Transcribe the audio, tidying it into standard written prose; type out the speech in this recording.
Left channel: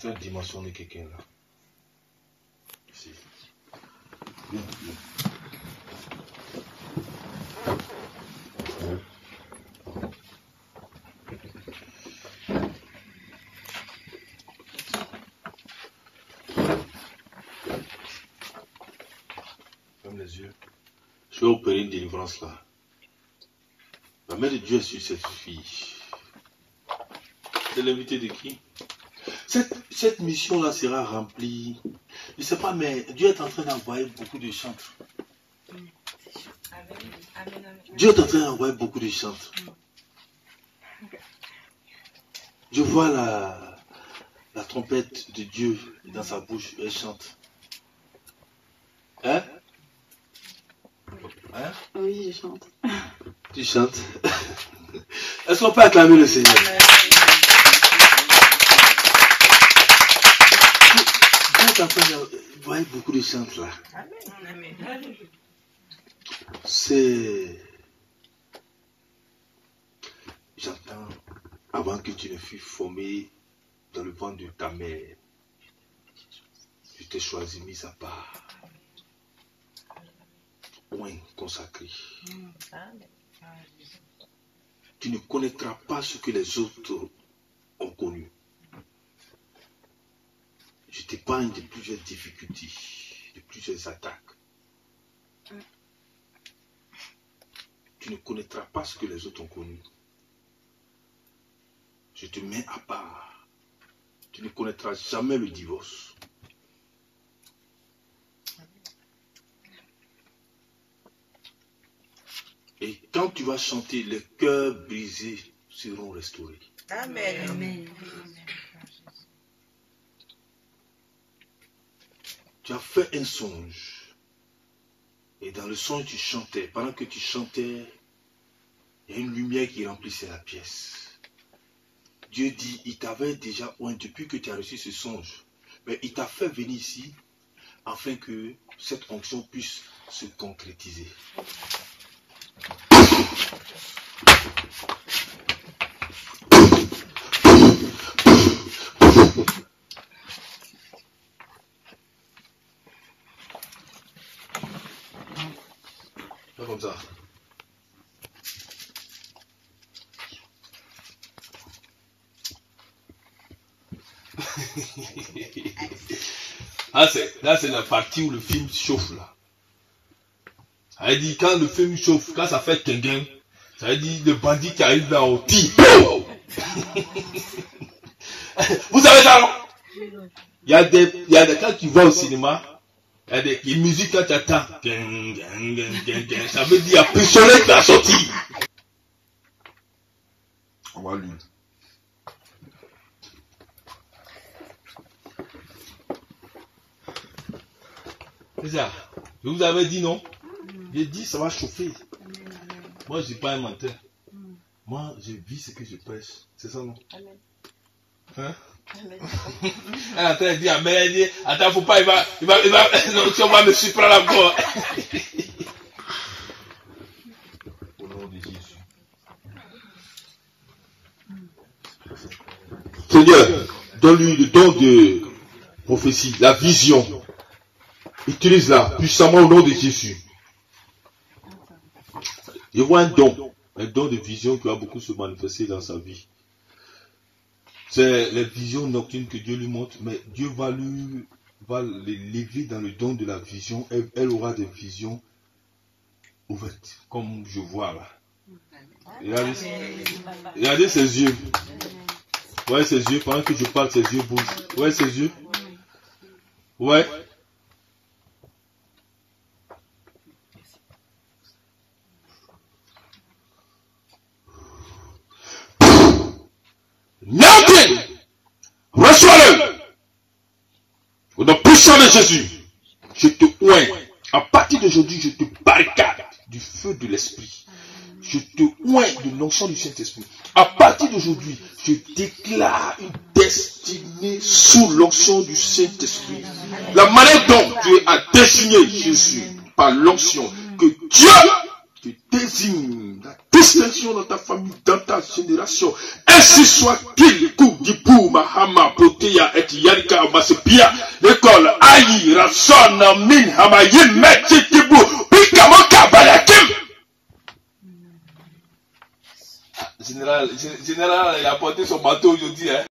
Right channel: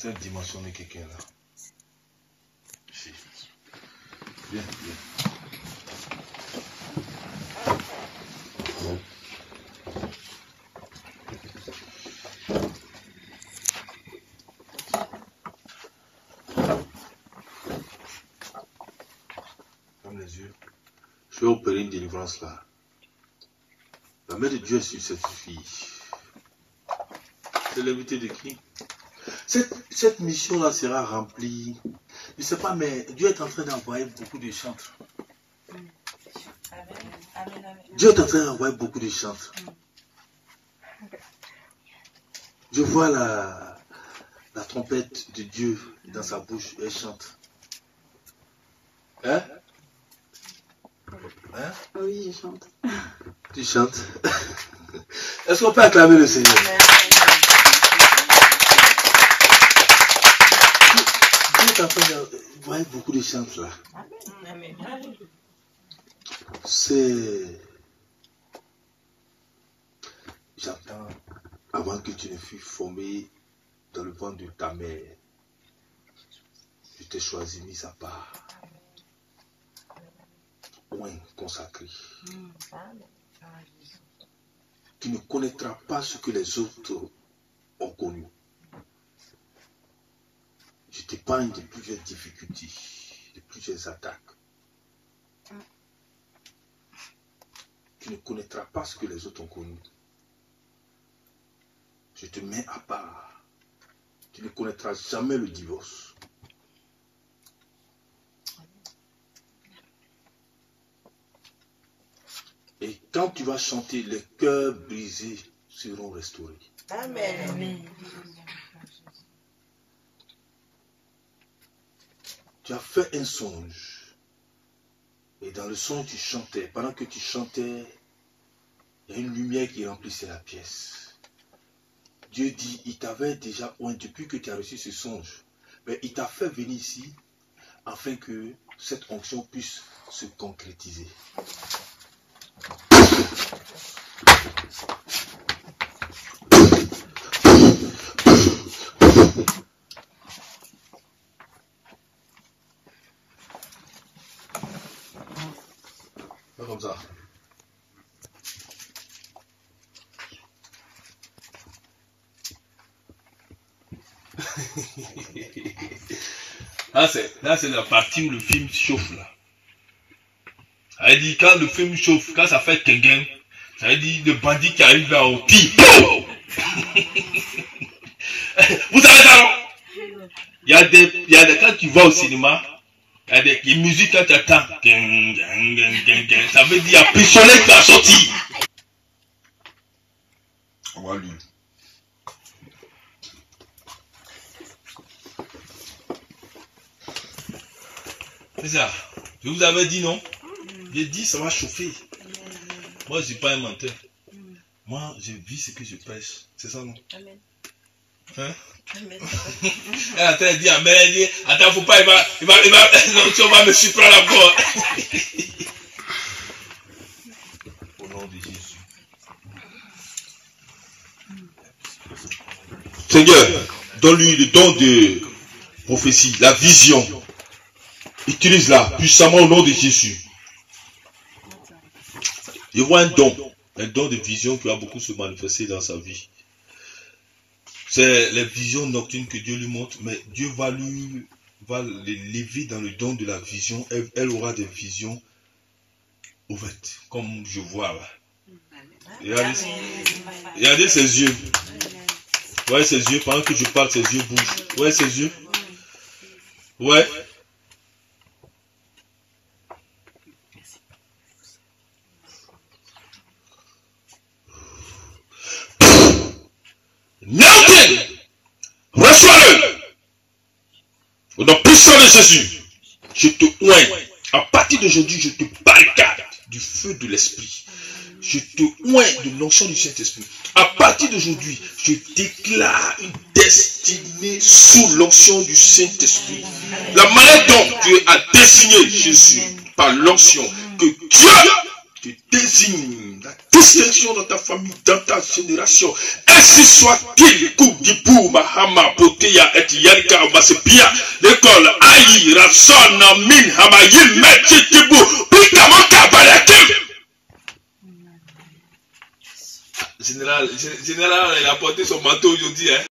Cette dimension de quelqu'un là. Ici. Viens, viens. Ferme les yeux. Je vais opérer une délivrance là. La main de Dieu est sur cette fille. C'est l'invité de qui? Cette mission-là sera remplie. Je ne sais pas, mais Dieu est en train d'envoyer beaucoup de chantres. Dieu est en train d'envoyer beaucoup de chantres. Je vois la trompette de Dieu dans sa bouche. Elle chante. Hein? Hein? Oui, je chante. Tu chantes? Est-ce qu'on peut acclamer le Seigneur? Dieu est en train d'envoyer beaucoup de chantres là. C'est... J'entends, avant que tu ne fûs formé dans le ventre de ta mère, je t'ai choisi, mis à part. Oint consacré. Tu ne connaîtras pas ce que les autres ont connu. Je t'épargne de plusieurs difficultés, de plusieurs attaques. Tu ne connaîtras pas ce que les autres ont connu. Je te mets à part. Tu ne connaîtras jamais le divorce. Et quand tu vas chanter, les cœurs brisés seront restaurés. Amen. Amen. Tu as fait un songe. Et dans le songe, tu chantais. Pendant que tu chantais, il y a une lumière qui remplissait la pièce. Dieu dit, il t'avait déjà oint depuis que tu as reçu ce songe. Mais il t'a fait venir ici afin que cette onction puisse se concrétiser. Fais comme ça. Là, c'est la partie où le film chauffe là. Ça veut dire quand le film chauffe, quand ça fait tinguin, ça veut dire le bandit qui arrive là au tire. Vous savez ça, non? Il y a des quand tu vas au cinéma, il y a des musiques quand tu attends. Ça veut dire il y a pistolet qui a sorti. On va lire. C'est ça. Je vous avais dit non. J'ai dit ça va chauffer. Moi je ne suis pas un menteur. Moi je vis ce que je prêche. C'est ça non? Amen. Hein? Amen. Attends, il dit amen. Il dit, attends, faut pas, il va, non, tu vas me surprendre encore. Au nom de Jésus. Seigneur, donne-lui le don de prophétie, la vision. Utilise-la puissamment au nom de Jésus. Je vois un don de vision qui va beaucoup se manifester dans sa vie. C'est les visions nocturnes que Dieu lui montre, mais Dieu va l'élever dans le don de la vision. Elle aura des visions ouvertes, comme je vois là. Regardez ses yeux. Ouais, ses yeux, pendant que je parle, ses yeux bougent. Ouais, ses yeux. Ouais. Nothing! Reçois-le! Au nom puissant de Jésus, je te oins. À partir d'aujourd'hui, je te barricade du feu de l'Esprit. Je te oins de l'onction du Saint-Esprit. À partir d'aujourd'hui, je déclare une destinée sous l'onction du Saint-Esprit. La manière dont Dieu a désigné Jésus par l'onction, que Dieu Je désigne la distinction dans ta famille, dans ta génération. Ainsi soit-il, Koudipou, Mahama, Poteya, et Yarika, Masepia, l'école, Aïe, Rasson, Min, Hamayim, Metchitibou, Pikamoka, Balakim. Général, il a porté son manteau aujourd'hui, hein.